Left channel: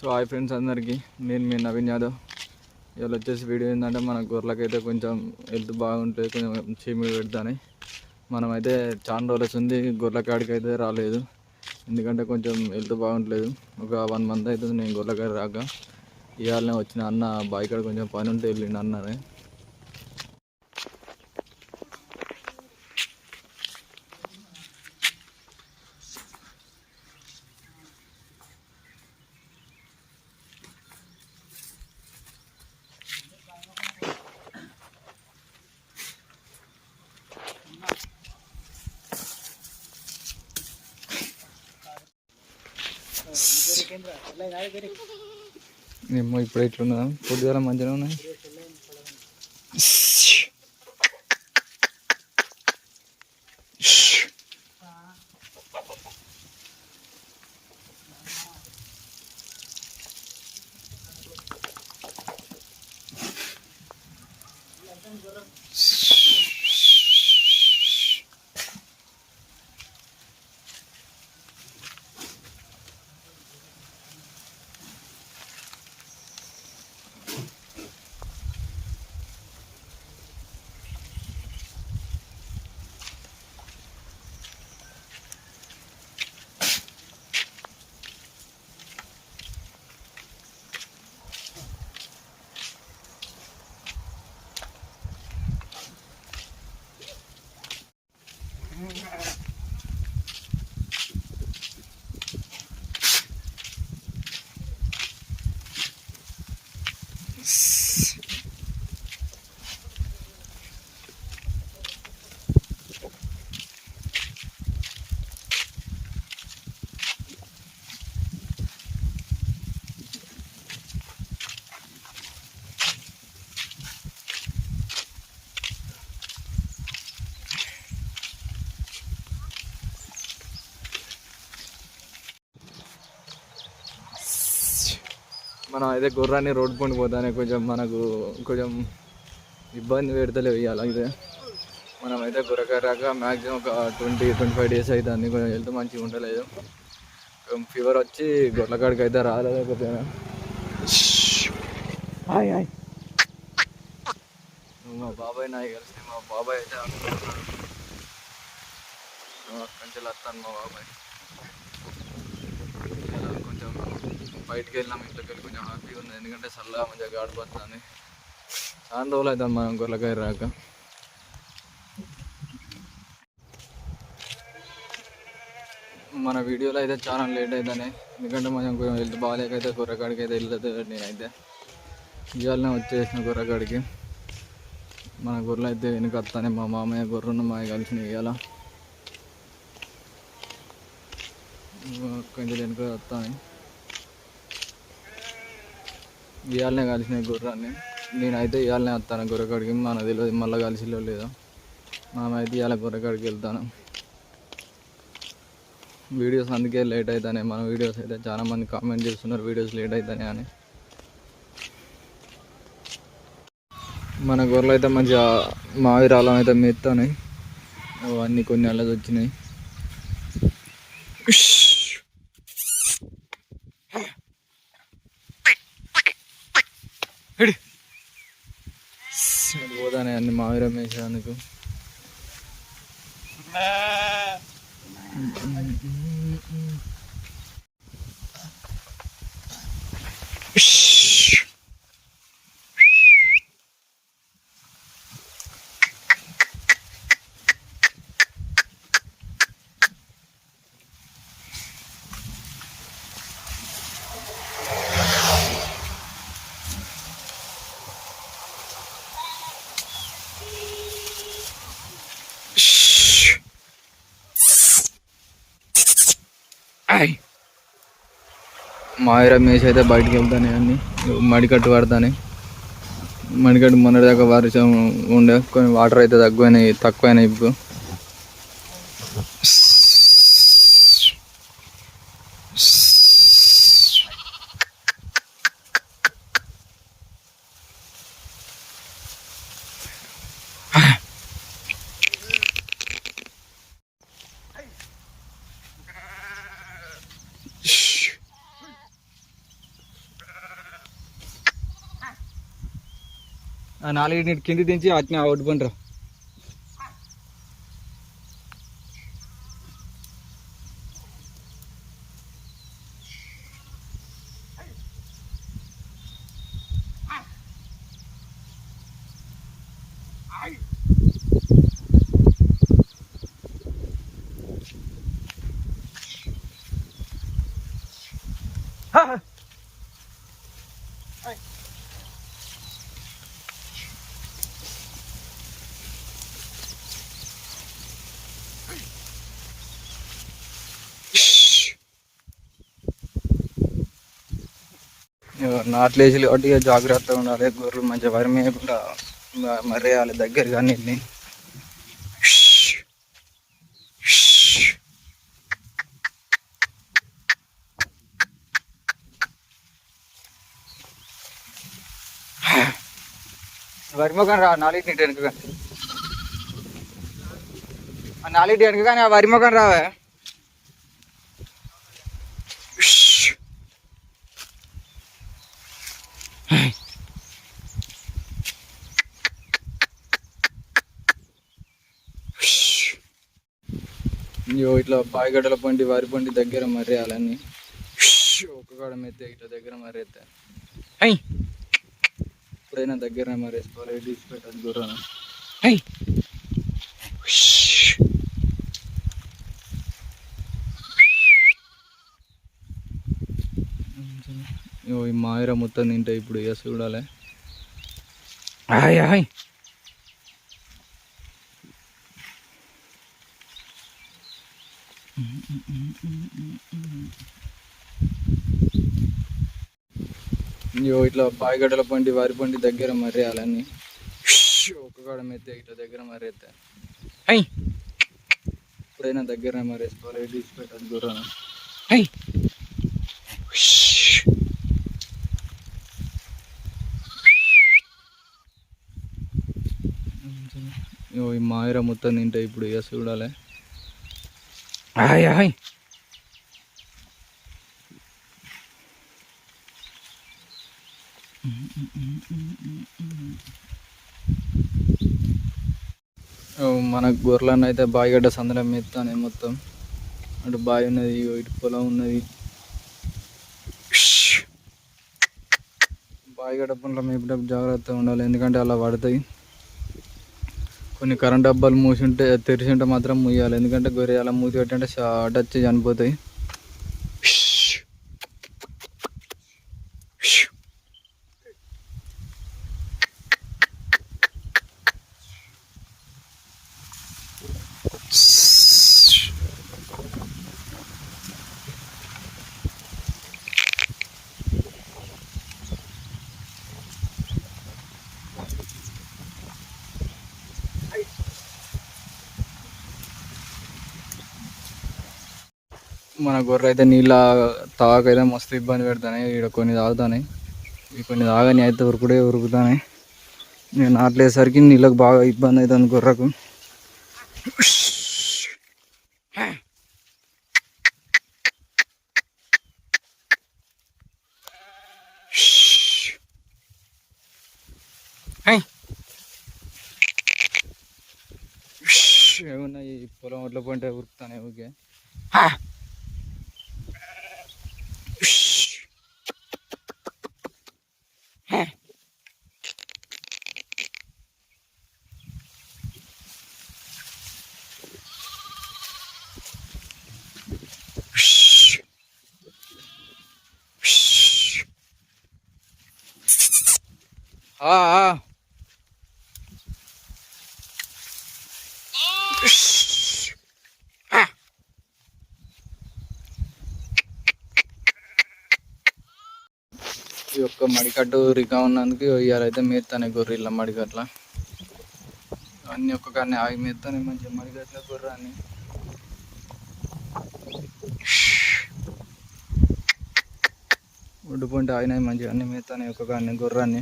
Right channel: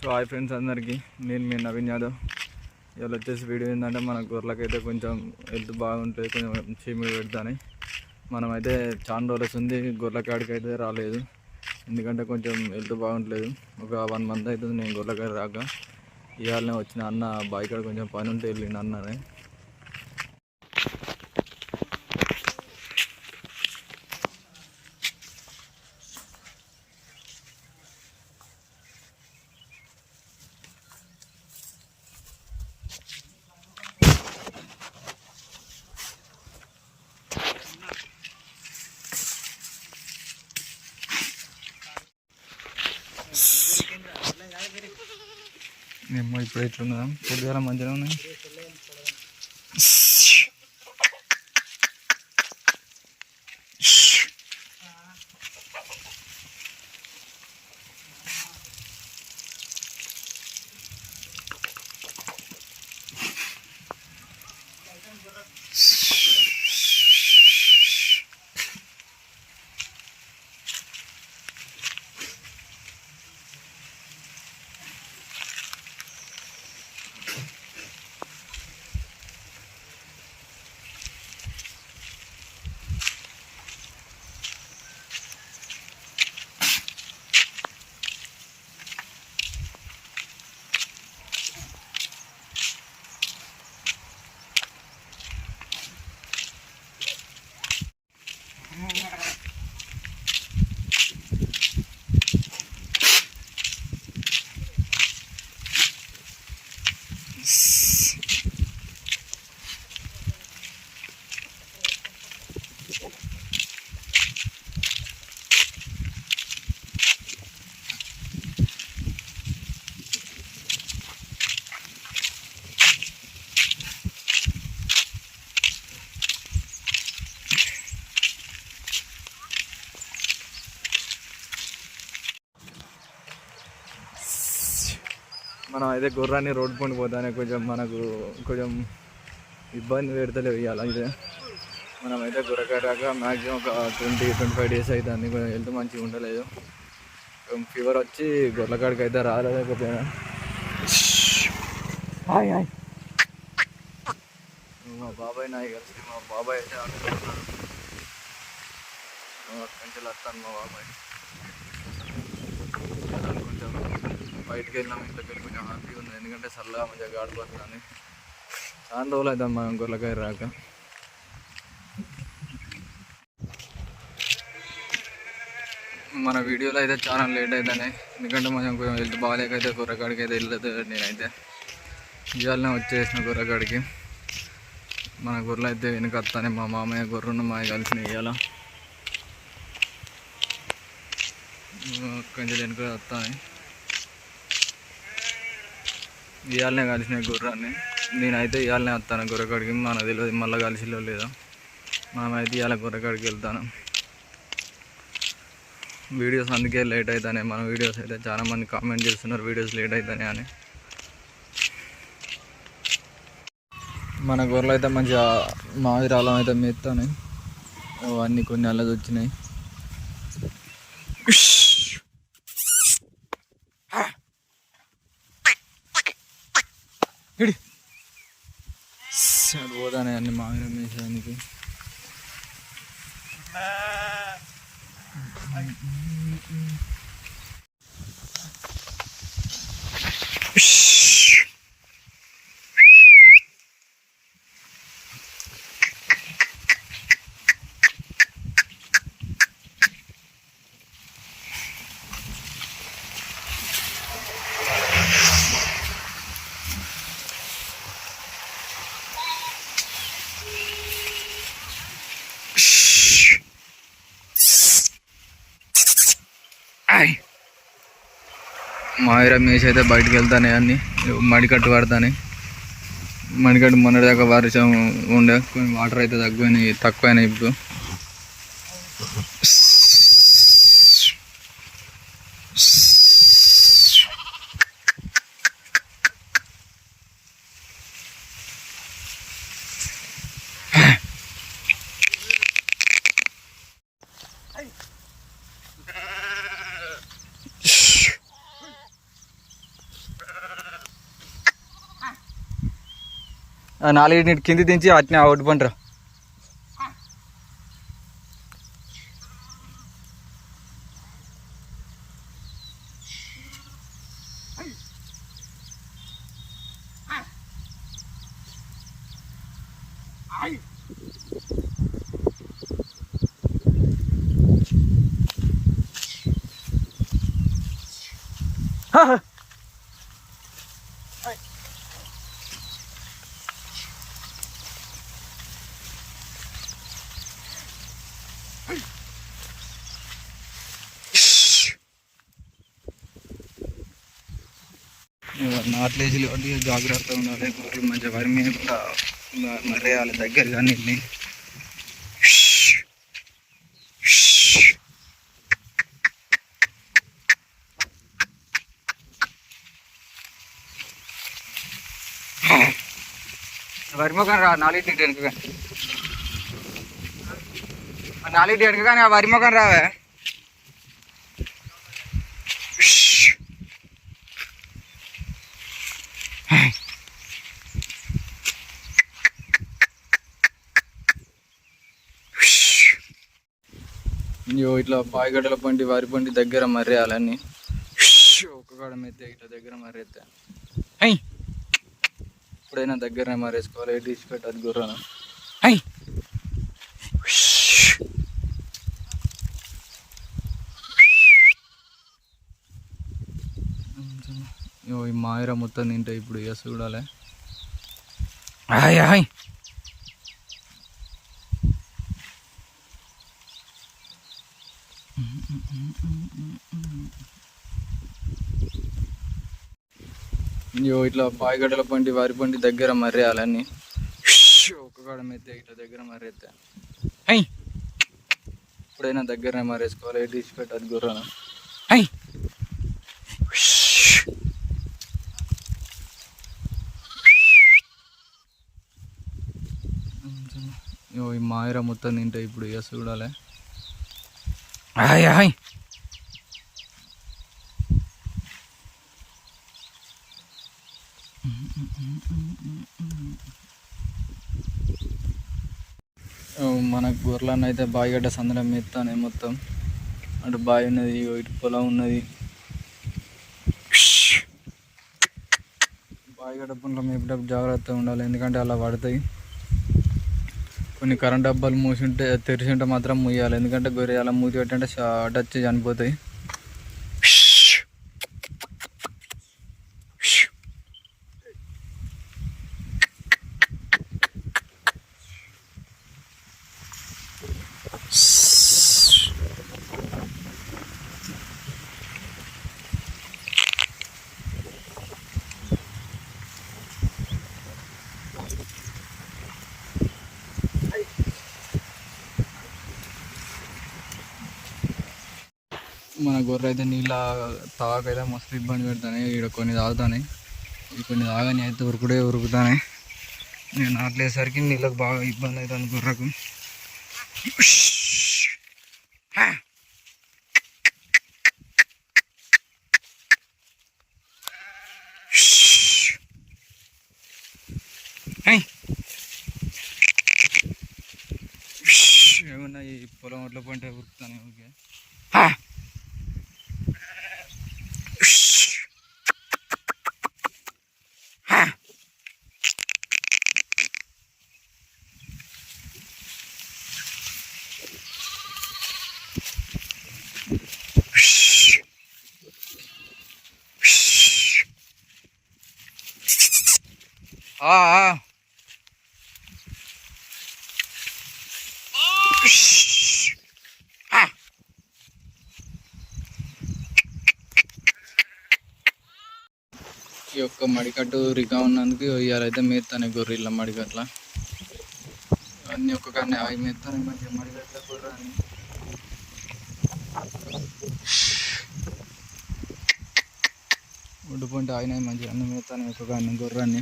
So hi friends అందరికీ. నేను మీ నవీన్ యాదవ్. ఇవాళ వచ్చేసి వీడియో ఏంటంటే మన గొర్రెలకైతే కొంచెం హెల్త్ బాగుంటుంది కొంచెం చీమిడి పెడతాను. మనమైతే చాలా రోజులు ఉంది గొర్రెల కాడికి అయితే రాలేదు. ఎందుకంటే కొంచెం హెల్త్ బాగుంటలేదు. ఒక వన్ మంత్ అవుతుంది నేను గొర్రెకాడ రాక. ఇవాళనే వచ్చిన అన్న బాయ్ కాడ కొంచెం పని ఉంటే వెళ్ళిండు అన్ననే. ఏమో ఇప్పుడు ఇట్లున్నా. పొద్దుగాల మంచిగా ఉన్నాయి. Yeah. మనం అయితే గుర్రాన్ని రోడ్ పండి పోతానే కొంచెం మనకు కొంచెం ఇబ్బంది పెడతలేవు ఇవాళ అయితే. మనం అయితే గుర్రకరాక మ్యాక్సిమం ఒక ట్వంటీ ట్వంటీ ఫైవ్ డేస్ అవుతుంది కొంచెం హెల్త్ మంచిగా ఉండలేదు. ఫీవర్ వచ్చి గొర్రెకాడికి అయితే రాలేకపోయినా. Hi hi. మా బాబాయ్ నాకు కలిసి మా బాబాయ్ అయితే అక్కడి నుంచి వస్తాను మా బాబాయ్ ఇలా కొంచెం బయటకు వెళ్ళినాం ఇంట్లోకి వెళ్ళి కొంచెం హ్యాపీగా ఉంది ఎందుకంటే చల్లగా మంచిగా గాడిపోతుంది చాలా రోజులు అవుతుంది మనం గొర్రెకాయ రాక. మన వీడియోలో అయితే చాలా లేట్ అవుతానే ఎందుకంటే మనం కొంచెం హెల్త్ బాగాలేక అయితే గొర్రెకాడికి అయితే వెళ్ళదు నేనైతే. ఇవాళనే వచ్చేసిన గొర్రెకాడికి. మన గొర్రెలు అయితే వెనుక వస్తానే. మా మామయ్య గొర్రెను మా కలిసి ఇవాళ. కొంచెం వెనుక వస్తాయి ఇవాళనే కలిసిన గుర్రాన్ని. నేనైతే ఇవాళనే వస్తాను గుర్రకాడికి. మన తెలియదు మళ్ళీ కలిసిలో లేదా. మనమైతే ఇవాళ గుర్రకాడికి వెళ్తాను. వీడియోస్ అందుకే లేట్ అవుతాయి మన వీడియోస్ అయితే చాలా మంది కామెంట్ చేస్తున్నారు వీడియోస్ లేట్ అవుతాయి అని. మన గొర్రెలు అయితే మంచిగా మావిరాలం అయితే మెత్తాయి అవన్నీ కొన్ని అల్లది వచ్చినాయి 있네 그 안에 그 음, 음, 음, 음. ఆయ్ మాయరా మేసి అయితే బయటికి వెళ్తానే అన్ని. మడికట్టు పడతానే. మడికట్టు మొన్నటి దాకా వర్షం ఉండే. కొన్ని వాటర్ అయితే తక్కువైనాయి తక్కువైనాయి ఇప్పుడు. నాలుగు నాలుగింటి కింది దించి అట్నే అవుట్ పంటరా నాట్లేసి కాబట్టి ఇక జాగ్రత్తగా ఉండాలి. గొర్రెలు మంచిగా వరి మేయకుండా మ- మర్రేయాలి దగ్గరగా నీళ్ళని వరి మొక్కని రా నాలుగు వెనుక కానీ నాలుగు వెనుక కానీ ఆ వరి మొక్కని రావే. ఇయో ఇట్లా బాయిగడ్డల పండి వారి పండి దగ్గర మర్రేయాలని ఒక కాడ మెత్తే ఇట్లా దగ్గర మర్రేస్తే హై! ఎప్పుడైనా దగ్గరనే మరేసుకోవాలి డిష్ పెట్టదు గుర్రం హై! ఈ మాయిర మొత్తం తింటే ఇప్పుడు ఇక చూడాలి. హాయ్ హాయ్ ఇట్లా బాయిగడ్డల పండి వారి పండి దగ్గర మర్రేయాలన్నీ. ఒక కాడ మెత్తే ఇట్లా దగ్గర మర్రేస్తే హై! ఎప్పుడైనా దగ్గరనే మరేసుకోవాలి డిష్ పెట్టదు గుర్రం హై! ఈ మాయర మొత్తం తింటే ఇప్పుడు ఇక చూడాలి. హాయ్ హాయ్ మనకు గొర్రెలను అయితే బాయిగడ్డ సందడం మెత్తానే మొత్తం. అటు బావి ఉన్నది ఇటు పొలం ఉన్నది. బాయిగడ్డ పనులు మేపేటప్పుడు జాగ్రత్తగా ఉండాలి ఎందుకంటే అలా పడతాయి. కొన్ని కరెంట్ డబ్బాలు మూసి ఉంటే తెరిచి ఉంటే మాత్రం మూయాలి ఎందుకంటే గొర్రె అలా మూసి పెట్టంటే షార్ట్ వచ్చి చనిపోతాయి. మన గొర్రె అయితే నీళ్ళ తాగకైతే మస్తు ఇబ్బంది పెడతాయి ఇక్కడ కొన్ని తాగుతాయి ఇవి కొన్ని తాగని అయితే ఉరుకుడే ఉరుకుతాయి నేను నాట్లేసరికి నీళ్ళకి బాగా ఇబ్బంది అవుతుంది గొర్రెకు. ఏమన్నా ఈ పొలం ఒడ్ల పంటే ఉరుకుతానే ఓకే হ্যাঁ Ah, ah. యొక్క మడికట్టు రిగా ఉన్నందుకు ఇవాళైతే మేస్తానే గొర్రెల మడికట్ల. అన్నీ ఒక్క కానీ అవి మేస్తానే మంచిగా మడికట్ల గొర్రెని ఒడ్డు పంట ఆయన మంచిగా అన్ని మేస్తానే ఒక్క కానీ గొర్రెని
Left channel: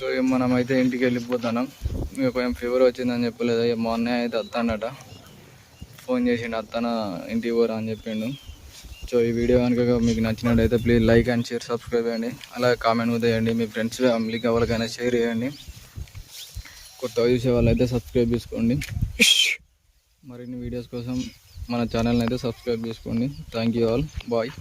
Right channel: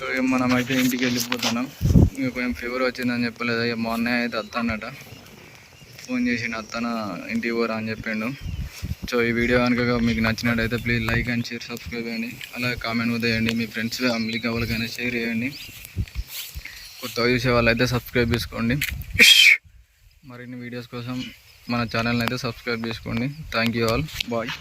సో ఇక మనం అయితే ఇంటికి వెళ్ళిపోతున్నాం. ఇక కొంచెం ఫీవర్ వచ్చిందని చెప్పలేదు. ఇక మా అన్నయ్య అయితే వస్తాడట. ఫోన్ చేసిండు అత్తన ఇంటికి పోరా అని చెప్పిండు. సో ఈ వీడియో కనుక మీకు నచ్చినట్టయితే please like and share subscribe చేయండి. అలాగే కామెంట్ కూడా చేయండి. మీ ఫ్రెండ్స్ ఫ్యామిలీకి ఎవరికైనా షేర్ చేయండి. కొత్తగా చూసే వాళ్ళైతే సబ్స్క్రైబ్ చేసుకోండి. మరిన్ని వీడియోస్ కోసం మన ఛానల్ని అయితే సబ్స్క్రైబ్ చేసుకోండి. Thank you all bye